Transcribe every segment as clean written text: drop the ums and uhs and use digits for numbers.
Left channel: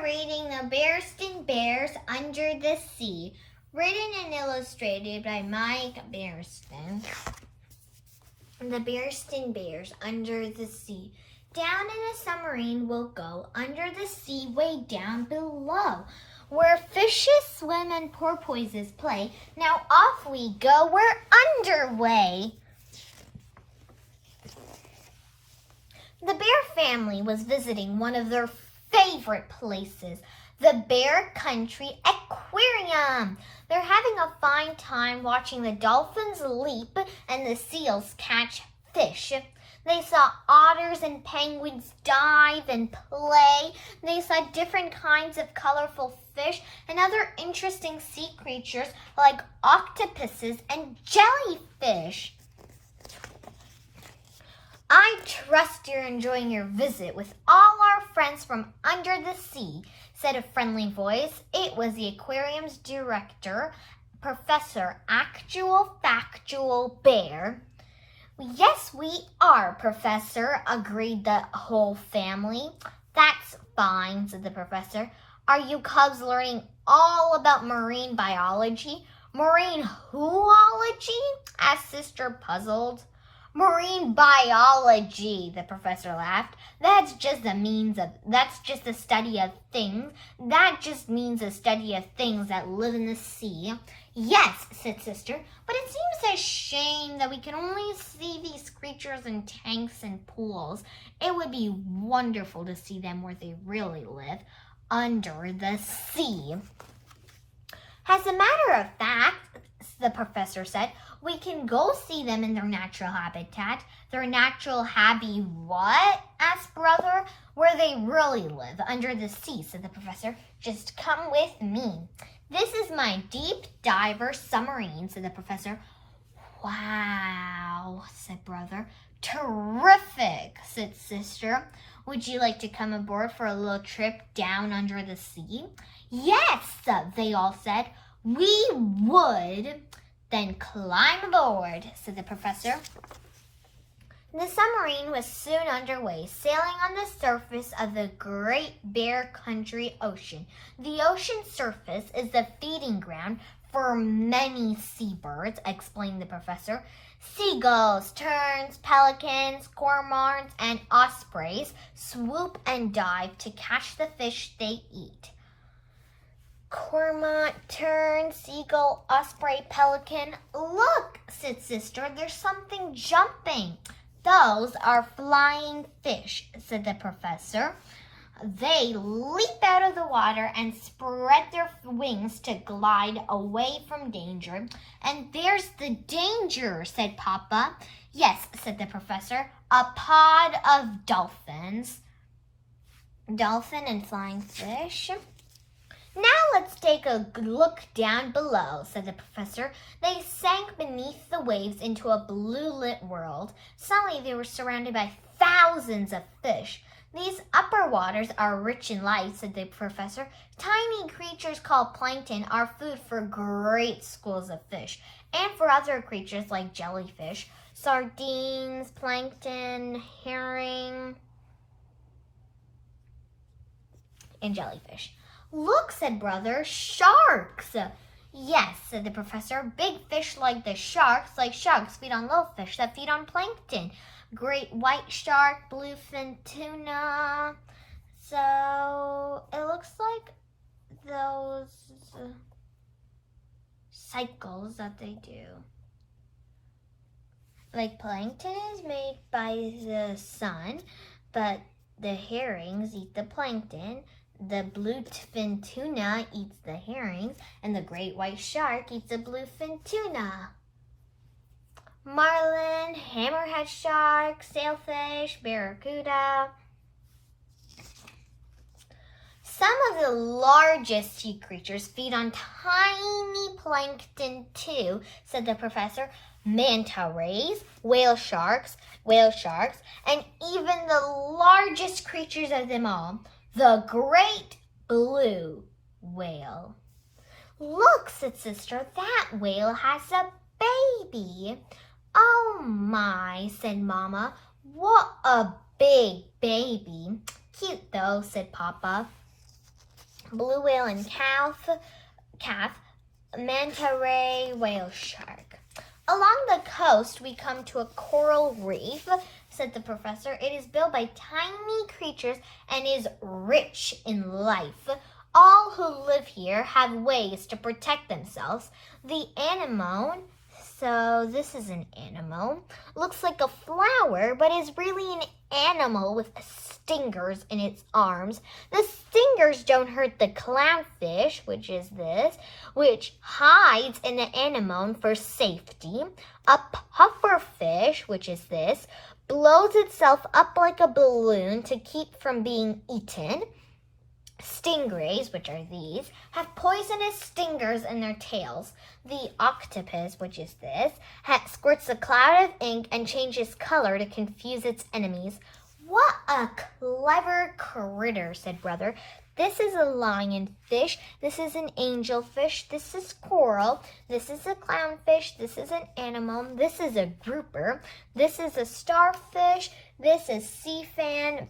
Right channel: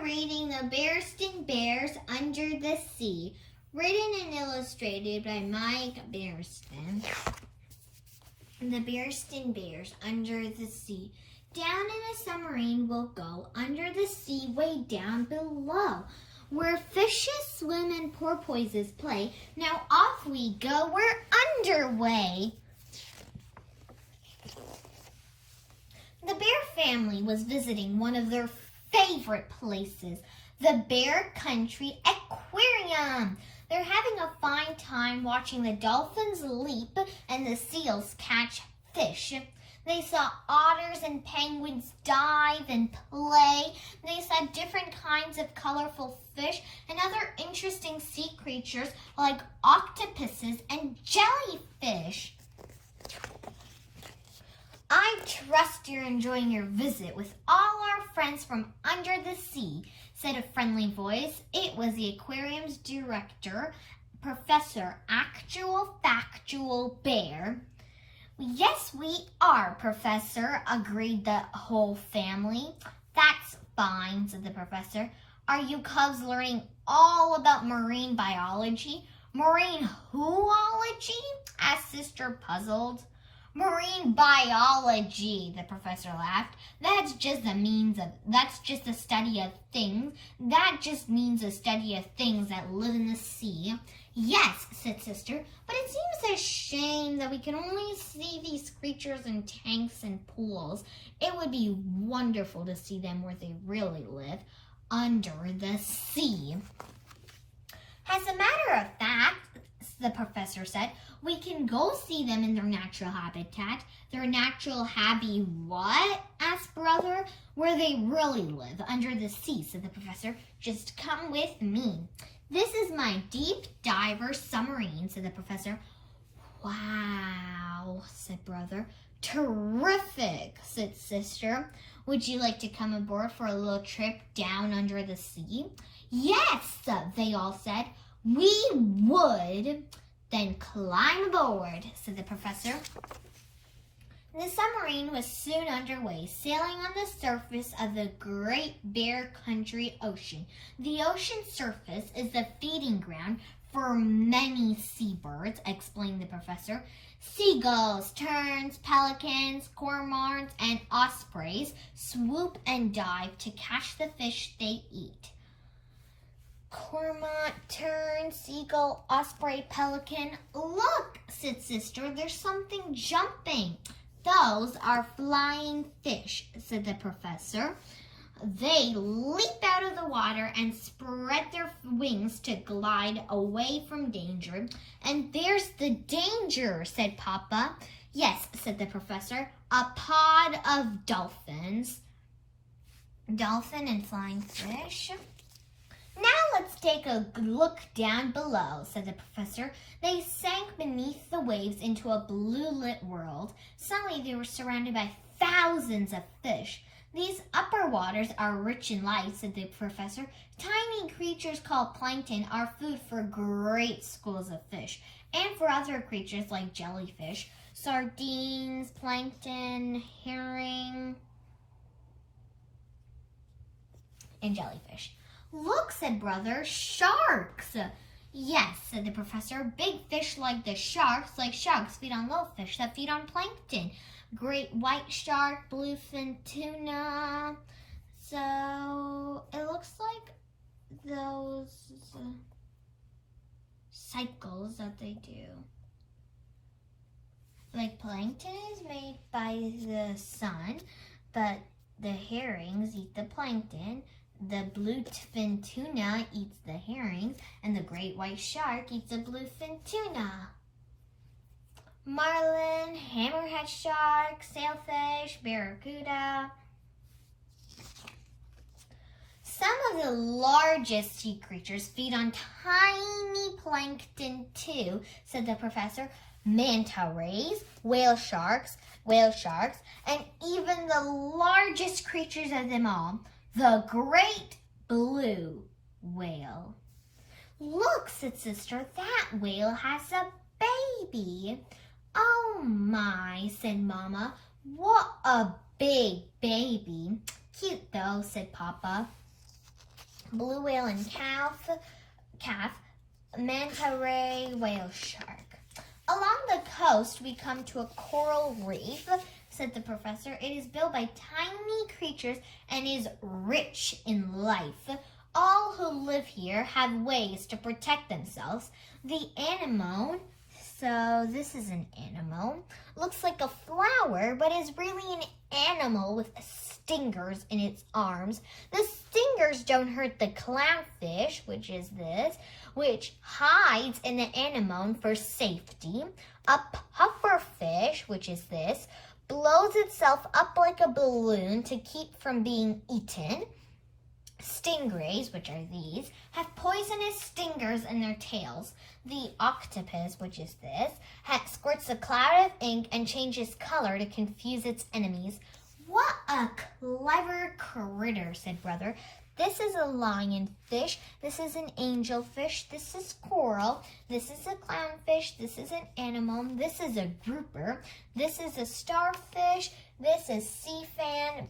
are reading The Bearskin Bears Under the Sea, written and illustrated by Mike Bearskin. The Bearskin Bears Under the Sea. Down in a submarine we'll go, under the sea way down below, where fishes swim and porpoises play. Now off we go, we're underway. The bear family was visiting one of their favorite places, the Bear Country Aquarium. They're having a fine time watching the dolphins leap and the seals catch fish. They saw otters and penguins dive and play. They saw different kinds of colorful fish and other interesting sea creatures like octopuses and jellyfish. I trust you're enjoying your visit with all our friends from under the sea, said a friendly voice. It was the aquarium's director, Professor Actual Factual Bear. Yes, we are, Professor, agreed the whole family. That's fine, said the professor. Are you cubs learning all about marine biology? Marine whoology? asked Sister, puzzled. Marine biology, the professor laughed. That's just a study of things. That just means a study of things that live in the sea. Yes, said Sister, but it seems a shame that we can only see these creatures in tanks and pools. It would be wonderful to see them where they really live, under the sea. As a matter of fact, the professor said, we can go see them in their natural habitat. Their natural what? asked Brother. Where they really live, under the sea, said the professor. Just come with me. This is my deep diver submarine, said the professor. Wow, said Brother. Terrific, said Sister. Would you like to come aboard for a little trip down under the sea? Yes, they all said. We would. Then climb aboard, said the professor. The submarine was soon underway, sailing on the surface of the Great Bear Country Ocean. The ocean surface is the feeding ground for many seabirds, explained the professor. Seagulls, terns, pelicans, cormorants, and ospreys swoop and dive to catch the fish they eat. Cormorant, tern, seagull, osprey, pelican. Look, said Sister, there's something jumping. Those are flying fish, said the professor. They leap out of the water and spread their wings to glide away from danger. And there's the danger, said Papa. Yes, said the professor, a pod of dolphins. Dolphin and flying fish. Now let's take a look down below, said the professor. They sank beneath the waves into a blue-lit world. Suddenly they were surrounded by thousands of fish. These upper waters are rich in life, said the professor. Tiny creatures called plankton are food for great schools of fish, and for other creatures like jellyfish, sardines, plankton, herring, and jellyfish. Look, said Brother, sharks. Yes, said the professor. Big fish like sharks feed on little fish that feed on plankton. Great white shark, bluefin tuna. So it looks like those cycles that they do. Like plankton is made by the sun, but the herrings eat the plankton. The bluefin tuna eats the herrings, and the great white shark eats the bluefin tuna. Marlin, hammerhead shark, sailfish, barracuda. Some of the largest sea creatures feed on tiny plankton too, said the professor. Manta rays, whale sharks, and even the largest creatures of them all, the great blue whale. Look, said Sister, that whale has a baby. Oh my, said Mama, what a big baby. Cute though, said Papa. blue whale and calf, manta ray whale shark. Along the coast, we come to a coral reef, said the professor. It is built by tiny creatures and is rich in life. All who live here have ways to protect themselves. The anemone, so this is an anemone, looks like a flower, but is really an animal with stingers in its arms. The stingers don't hurt the clownfish, which is this, which hides in the anemone for safety. A pufferfish, which is this, blows itself up like a balloon to keep from being eaten. Stingrays, which are these, have poisonous stingers in their tails. The octopus, which is this, squirts a cloud of ink and changes color to confuse its enemies. What a clever critter, said Brother. This is a lionfish, this is an angelfish, this is coral, this is a clownfish, this is an anemone, this is a grouper, this is a starfish, this is sea fan,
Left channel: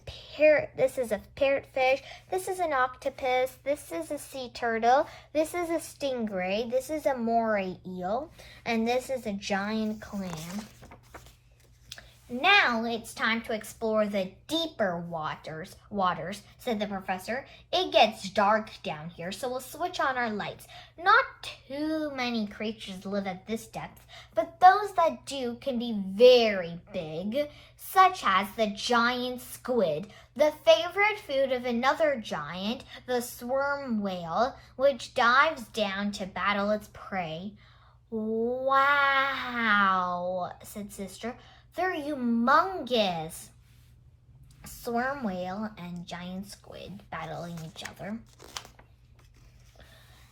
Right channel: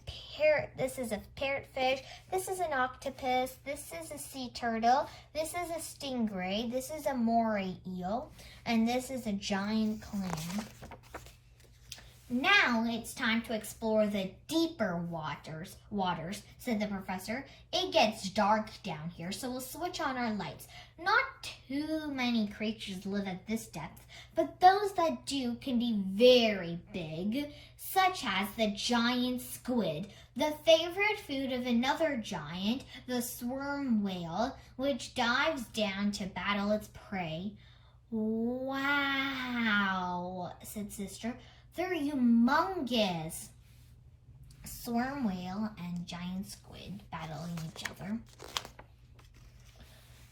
this is a parrotfish, this is an octopus, this is a sea turtle, this is a stingray, this is a moray eel, and this is a giant clam. Now it's time to explore the deeper waters, said the professor. It gets dark down here, so we'll switch on our lights. Not too many creatures live at this depth, but those that do can be very big, such as the giant squid, the favorite food of another giant, the sperm whale, which dives down to battle its prey. Wow, said Sister. They're humongous. Sperm whale and giant squid battling each other.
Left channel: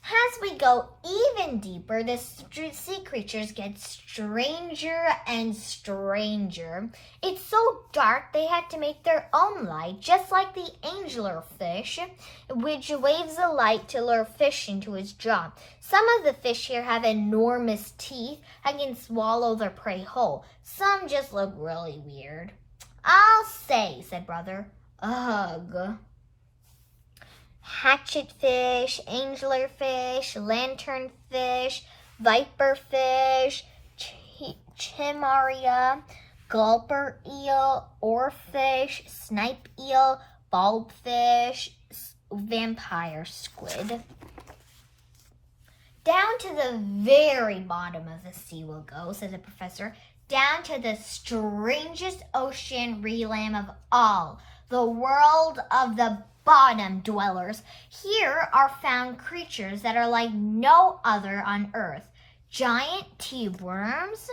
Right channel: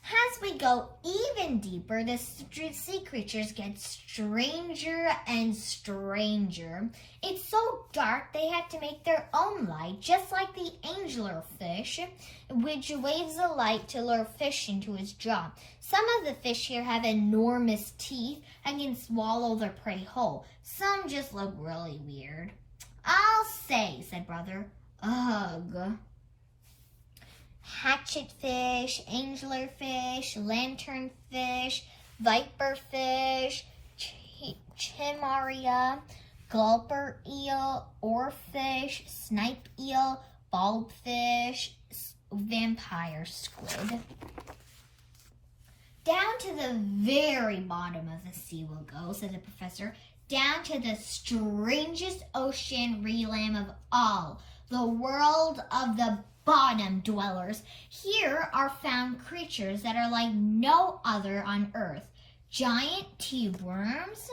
As we go even deeper, the sea creatures get stranger and stranger. It's so dark they had to make their own light, just like the angelerfish, which waves a light to lure fish into his jaw. Some of the fish here have enormous teeth and can swallow their prey whole. Some just look really weird. I'll say, said Brother. Ugh. Hatchetfish, anglerfish, lanternfish, viperfish, chimaria, gulper eel, oarfish, snipe eel, bulbfish, vampire squid. Down to the very bottom of the sea we'll go, said the professor. Down to the strangest ocean realm of all, the world of the bottom dwellers. Here are found creatures that are like no other on earth. Giant tube worms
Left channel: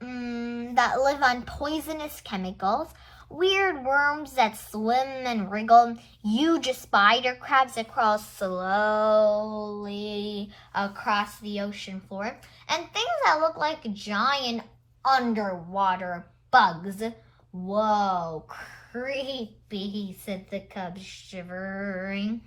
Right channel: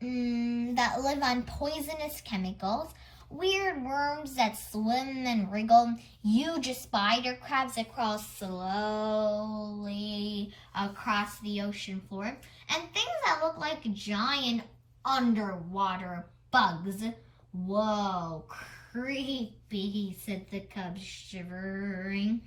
that live on poisonous chemicals, weird worms that swim and wriggle, huge spider crabs that crawl slowly across the ocean floor, and things that look like giant underwater bugs. Whoa, creepy, said the cub, shivering.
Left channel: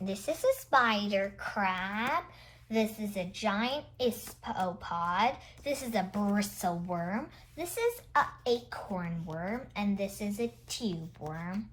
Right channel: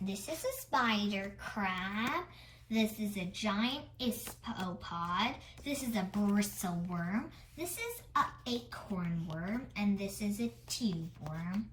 This is a spider crab. This is a giant isopod. This is a bristle worm. This is an acorn worm. And this is a tube worm.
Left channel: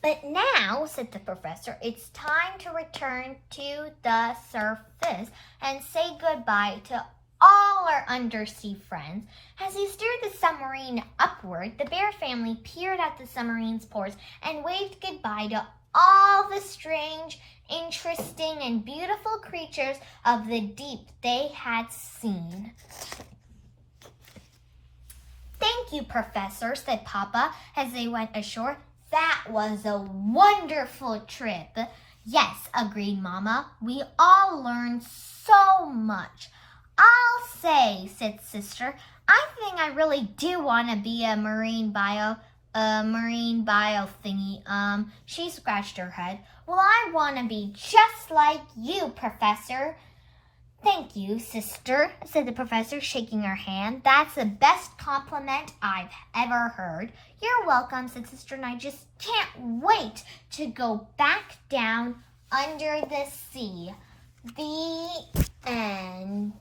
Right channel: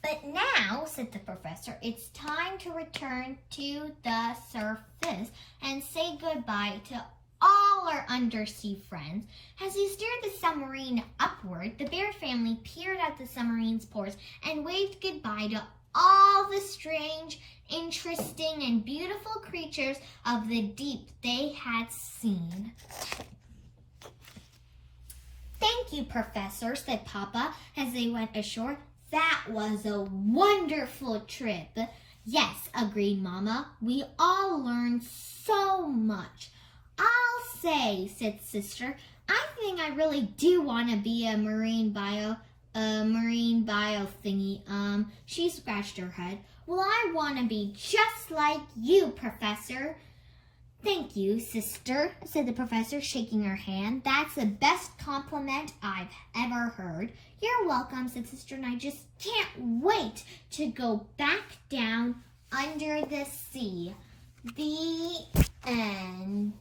But now, said the professor, it's time to return to the surface and say goodbye to all our undersea friends. As he steered the submarine upward, the bear family peered at the submarine's ports and waved goodbye to all the strange, interesting, and beautiful creatures of the deep they had seen. Thank you, Professor, said Papa as they went ashore. That was a wonderful trip. Yes, agreed Mama. We all learned so much. I'll say, said Sister, I think I really do want to be a marine bio thingy. She scratched her head. Well, I want to be just like you, Professor. Thank you, Sister, said the professor, shaking her hand. That's the best compliment I've ever heard. You're welcome, said Sister, and I just can't wait to go back down under the sea. The end.